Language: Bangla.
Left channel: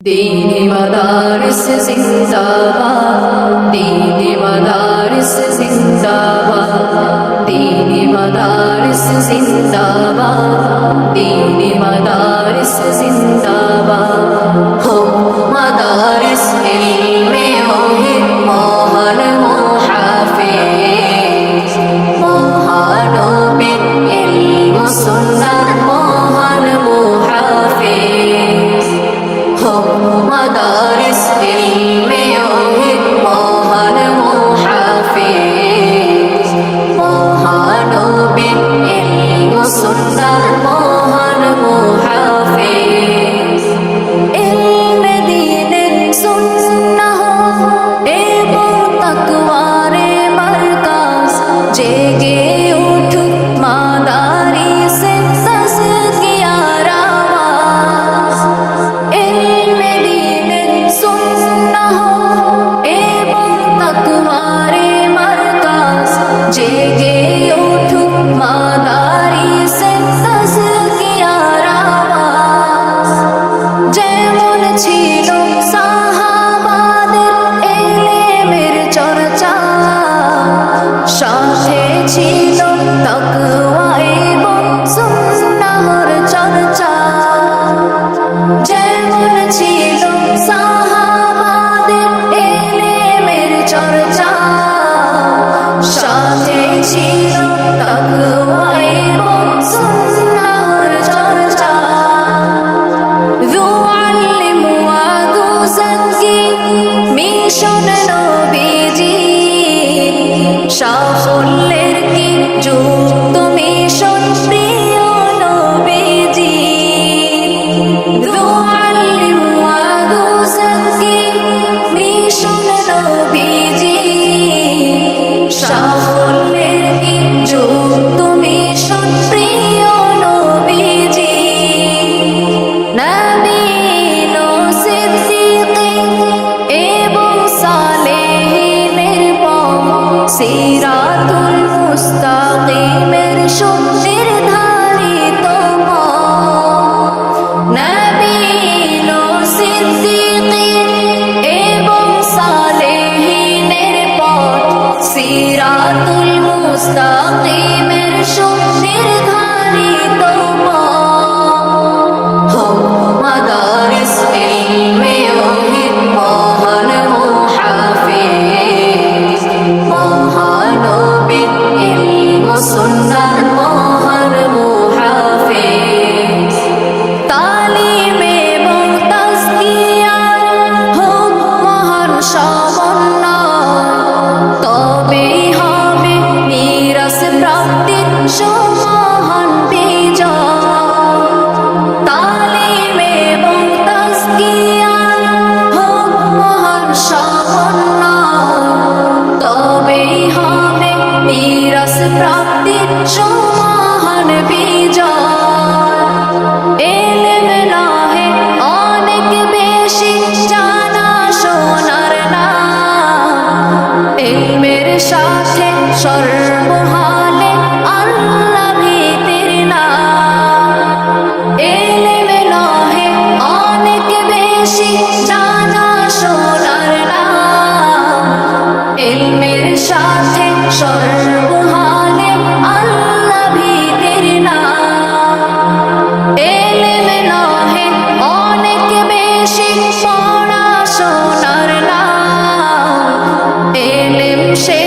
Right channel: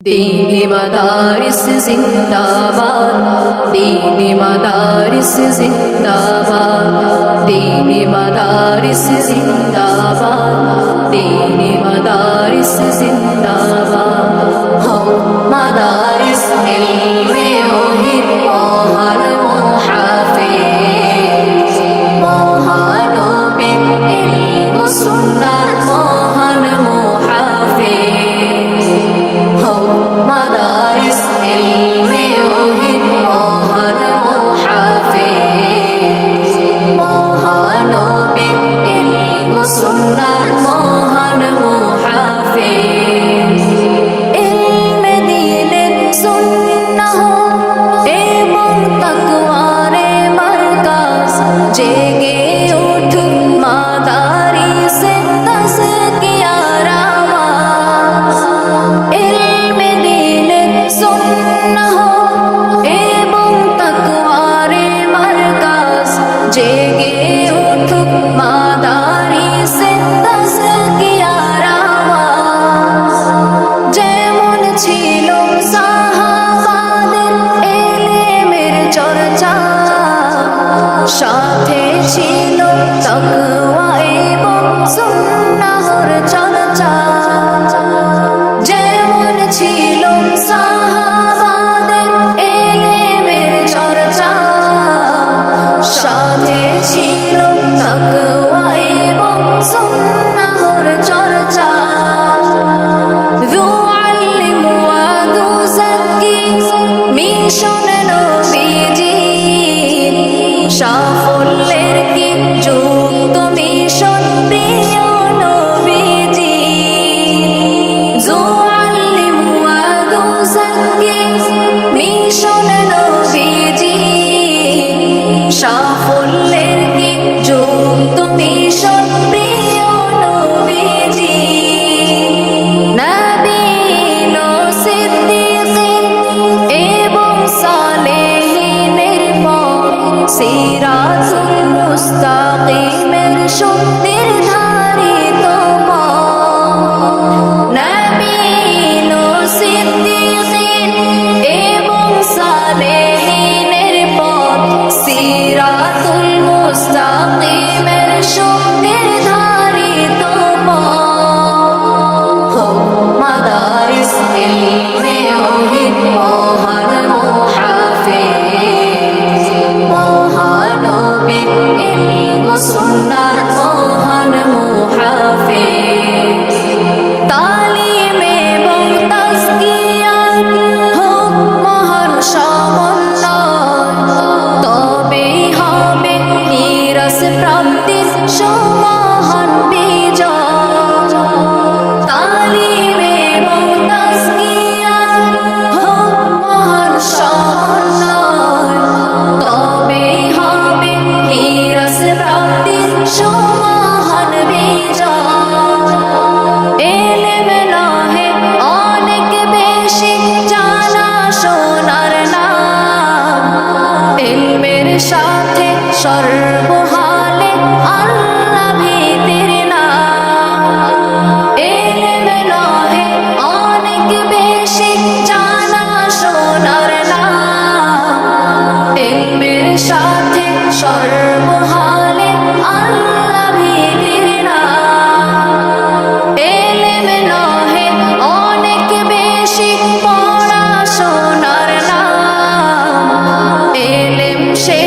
दीनी मदारिस जिंदाबाद, दीनी मदारिस जिंदाबाद, दीनी मदारिस जिंदाबाद, दीनी मदारिस जिंदाबाद। हो मदारिस इल्मे ओहिद मोहर मुहाफिज, महानबीर इल्म सुन्नत मोहर मुहाफिज। हो मदारिस इल्मे ओहिद मोहर मुहाफिज, महानबीर इल्म सुन्नत मोहर मुहाफिज। इल्मे दीনের সুন্নাহ এবং তাকওয়ারে মারকাজ, জেগে উঠুক মাদারিসে তাজকিয়ার আওয়াজ। ইলমে দীনের সুন্নাহ এবং তাকওয়ারে মারকাজ, জেগে উঠুক মাদারিসে তাজকিয়ার আওয়াজ। যেমন ছিল সাহাবাদের ইলমের চর্চা, সাথে ছিল তাকওয়া এবং সুন্নাহর চর্চা। যেমন ছিল সাহাবাদের ইলমের চর্চা, সাথে ছিল তাকওয়া এবং সুন্নাহর চর্চা। يعلم ويزكي মিশন নবীজির, সাফল্যের কি যুক্ত মিশন প্রিয় নবীজির। يعلم ويزكي মিশন নবীজির, সাফল্যের কি যুক্ত মিশন প্রিয় নবীজির। নবীন ও সিদ্দিকীন এবং সালেহীনের পথ, সিরাতুল মুস্তাকিমের সুনির্ধারিত পথ। নবীন ও সিদ্দিকীন এবং সালেহীনের পথ, সিরাতুল মুস্তাকিমের সুনির্ধারিত পথ। हो मदारिस इल्मे ओहिद मोहर मुहाफिज, महानबीर इल्म सुन्नत मोहर मुहाफिज। তালিম এবং তাজকিয়ার হোক মহান সমন্বয়, তবেই হবে নিরাশ প্রাপ্তির সমাহান বিজয়। তালিম এবং তাজকিয়ার হোক মহান সমন্বয়, তবেই হবে নিরাশ প্রাপ্তির সমাহান বিজয়। ইলম নহে অনেক বেশি জানা শোনার নাম, ইলমের সাথে সর্বহালে আল্লাহ ভীতির নাম। ইলম নহে অনেক বেশি জানা শোনার নাম, ইলমের সাথে সর্বহালে আল্লাহ ভীতির নাম। ইলম নহে অনেক বেশি পড়াশোনার নাম, ইলম সে